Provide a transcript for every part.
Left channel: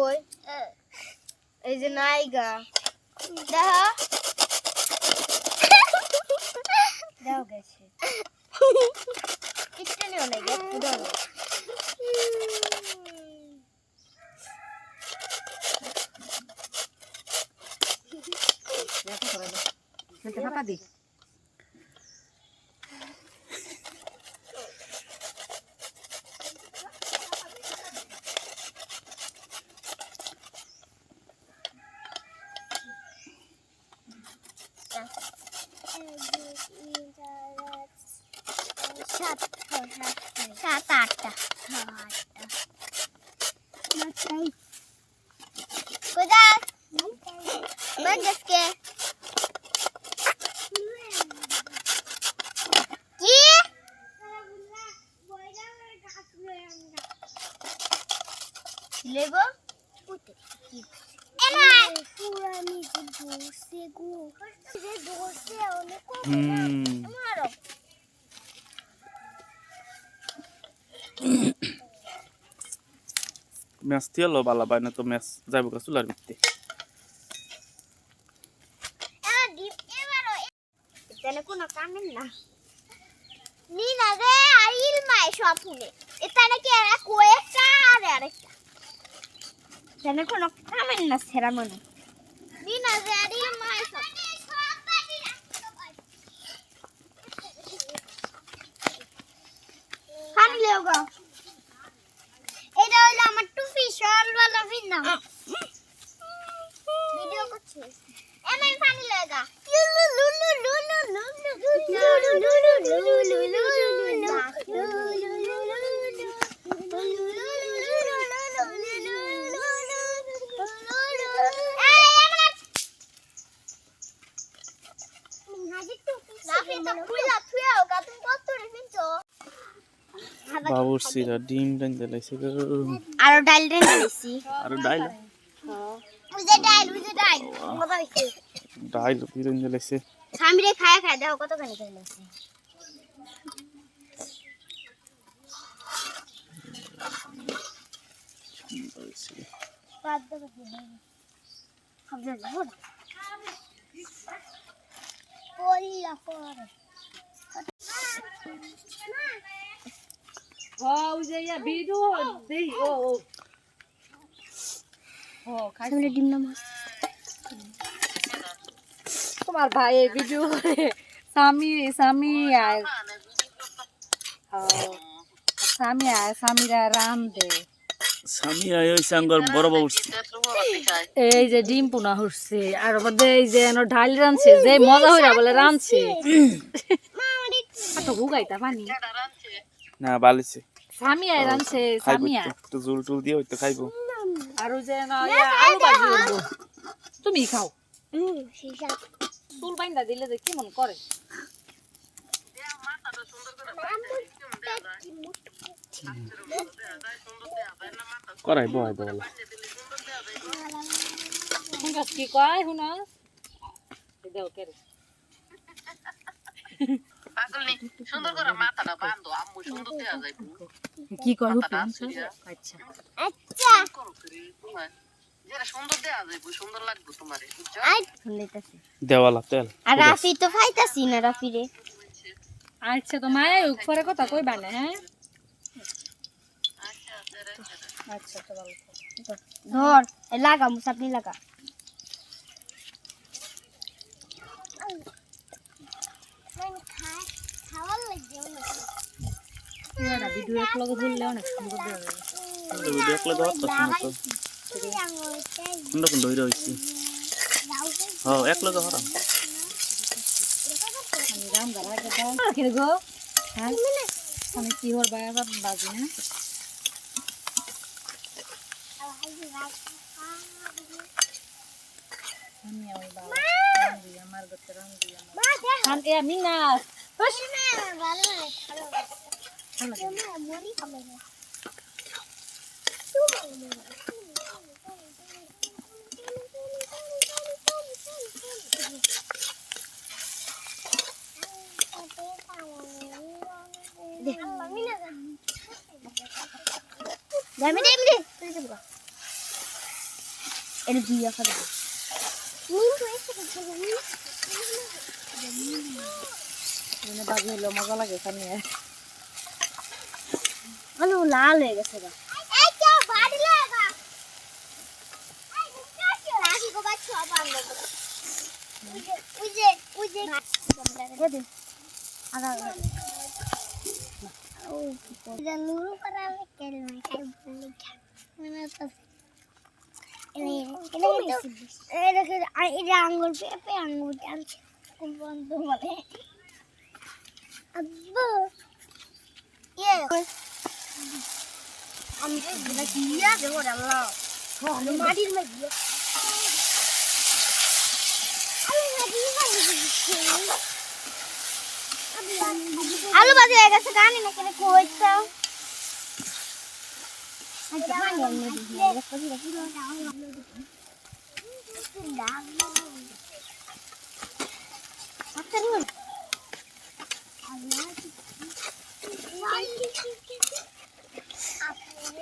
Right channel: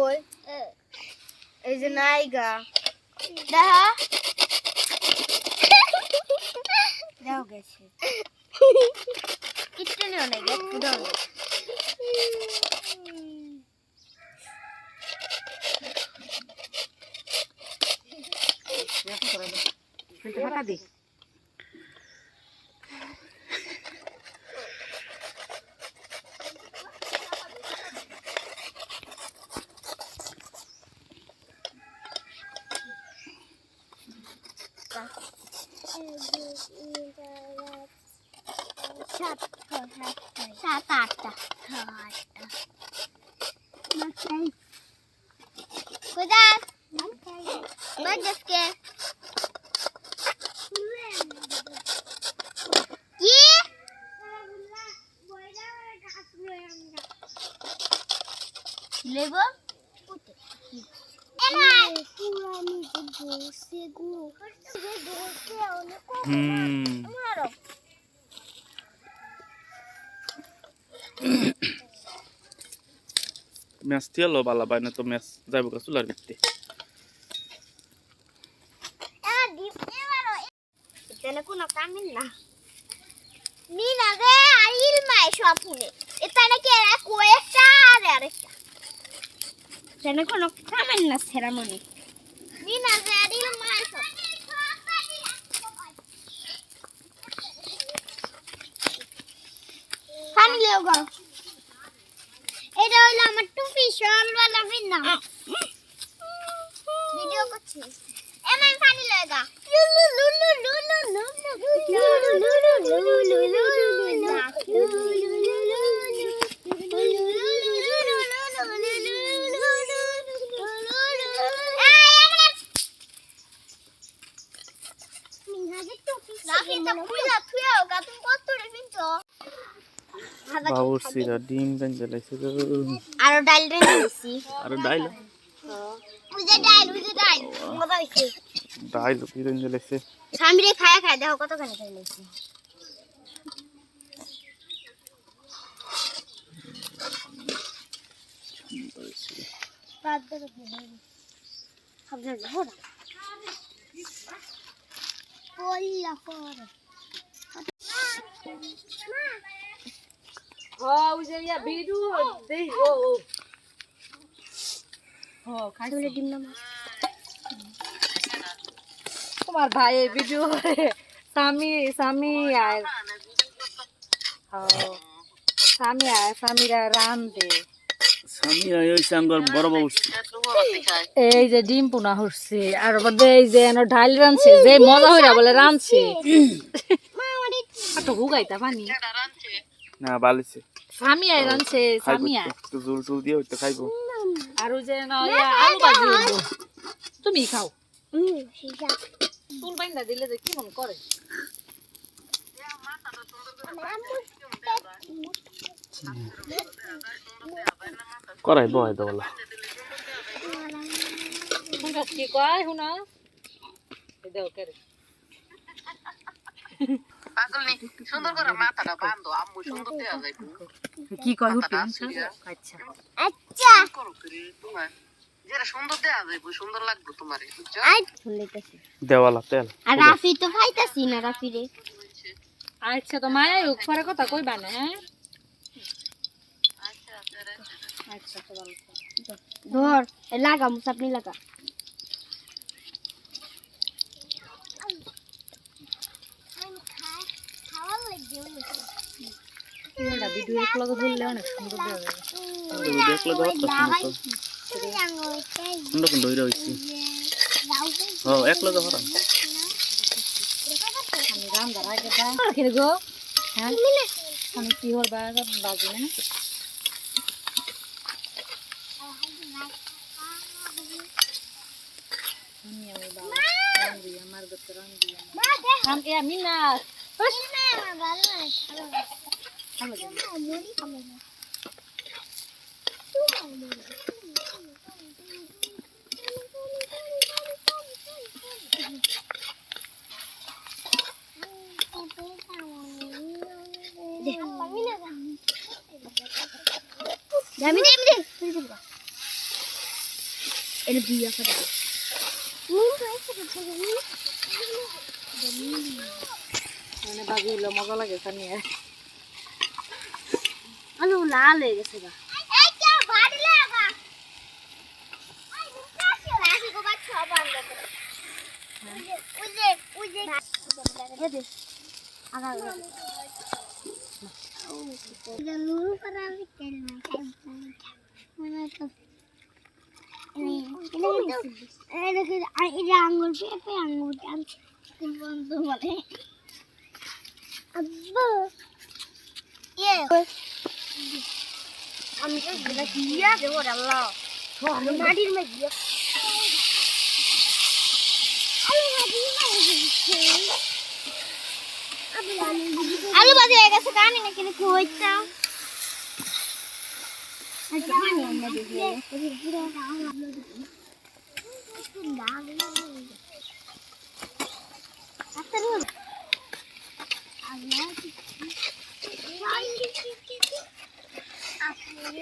কই এই যে নাইগা দেখা। দাও গেছে। কিচ্ছু নিও নাই গে দাও। হাতা দি। সাত সাত আটটা আটটা কোথায় মাঝকে কি লেব আমি বসে গো বসে অনেক হুম ম্যাচ থিয়ালো বালা বাই না তো ম্যাচ যাইব গা চুলার ভিত্তি। কোনো কামিন না। নি না রে আর ইলমাই সপুনে এখানে কি এরা কয়েকটা আর আরেকটা। এখানে কোনো কামিন না সেরামনি নি না রে আর ইলমাই পানি লেও গা। এটা হলো আমার টুপি শলওয়ালা ভিন্ন। ভিডিও করছি। এমন পানি লাগা। লুলু লুলু লুলু লুলু লুলু লুলু লুলু বাবুর সিরা ডিম বেঁধে লাইছে গো। আরও ডাল রেখে দিছি আর ওই যে ডাল যে ডাল মজা হইছে। ডাইল কি বেঁধে লাইছে স্বামীরে খায়া খায় দেখো কতখানি করে নিয়েছি হ্যাঁ ওই যে তোমার ভাই ভিডিও স্বামী স্বামী আয় হ্যাঁ স্বামী আয় স্বামীরা রান দে স্বামী বড় এই যে ডিম পোনা হচ্ছে আর বাদে এই যে এনো ঢাল রানছে যে মজা হইরা বলে রানছে হুগাইতা পানি। না বালিছে স্বামী আয় রানছে আয়। একটু জুল টুল দিয়ে হইতো খাইবো। আর ওই যে না আলু ভাজি হইবো। তুমি খাও। হুম চুল বাইন্দা দিলে যে কি মন করে? করাই বয় দোলা কি কয় শুনা দেও কেরে সুন্দর করে মাথাটা বান্ধো আম্মু সুন্দর দেয়া যাইবো কি কয় আচ্ছা আচ্ছা তোমার যেটা সুন্দর দেয়া যাইবো সুন্দর লাগবে তোমারে বুঝছ দেওয়ালা তেল আর রাফি তো ফাইতাছি না রাফি রে আচ্ছা তো মায়া পরে কথা কইবা না হ্যাঁ আচ্ছা তো ভালো ধর এ লাগা মুসাপনি লাগা পুরোটা ভিডিও এক লগে ধরলে অনেক সুন্দর না তো। কোনটা কোন ধইরা হইছি? হ্যাঁ এক লগে হরাম আমি রান্দার আগে দেয় খেলে গো। হ্যাঁ? কি হর বাবা বাজি না? আমার আমি না বস আমি দে আমি দে এর বিয়ে করে নিন তো এসে করে নিন আলু লাল হয়ে গেছে গা। আঙ্গুর পেঁপে আঙ্গুর আনছে কোন বন্ধু বলে আব্বু। ইয়ে আমি তো এটা দিয়া দেবো আল্লাহ মাটির আলু বাজে হয়ে গেছে আমি না কেন খুঁজতে আচ্ছা পানি এনে দিয়ে দেখো ধীরে ধীরে আচ্ছা রুন আল্লাহ আপনি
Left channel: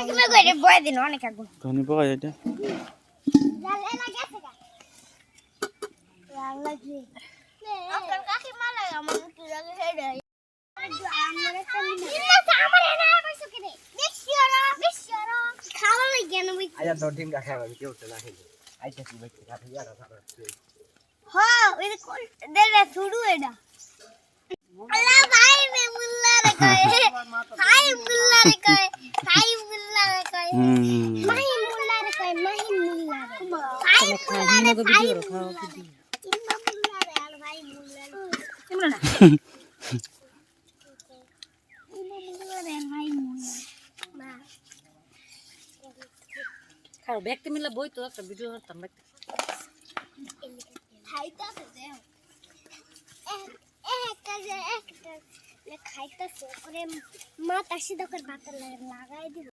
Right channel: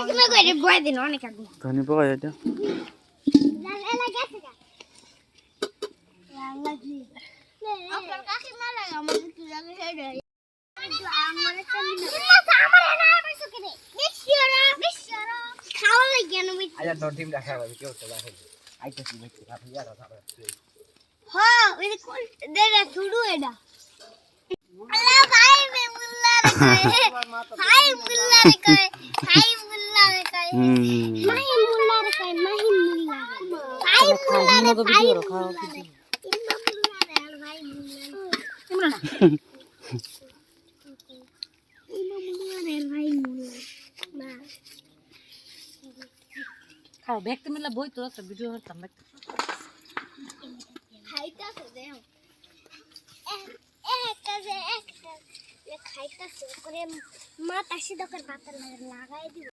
এখানে কইরে বয় দিন অনেক আগুন। ধনী যায় এটা? আয়া তোর টিম দেখা হবে কেউ তো দেখা আইতে কি বাইতে রাখি আর ধরো হ্যাঁ ওই কোন দেরা শুরু এটা আল্লাহ ভাই মে মুল্লা রে কয় হাই মুল্লা রে কয় হাই মুল্লা রে কয় মাহি মুল্লা রে কয় মাহি মুল্লা রে হাই মুল্লা রে ভিডিও রাখাও ইম্মা মুল্লা রে আর ভাই মুল্লা রে তোমরা না ইম্মা মুল্লা রে আর ভাই মুল্লা রে মা খাও দেখতে মিলে বই তো একটা ভিডিও করতাম দেখতে খাইতাছে দেও একটা যে একটা খাইতাছে পরে মা তাসি দোকান ভাত লাগাই দিব।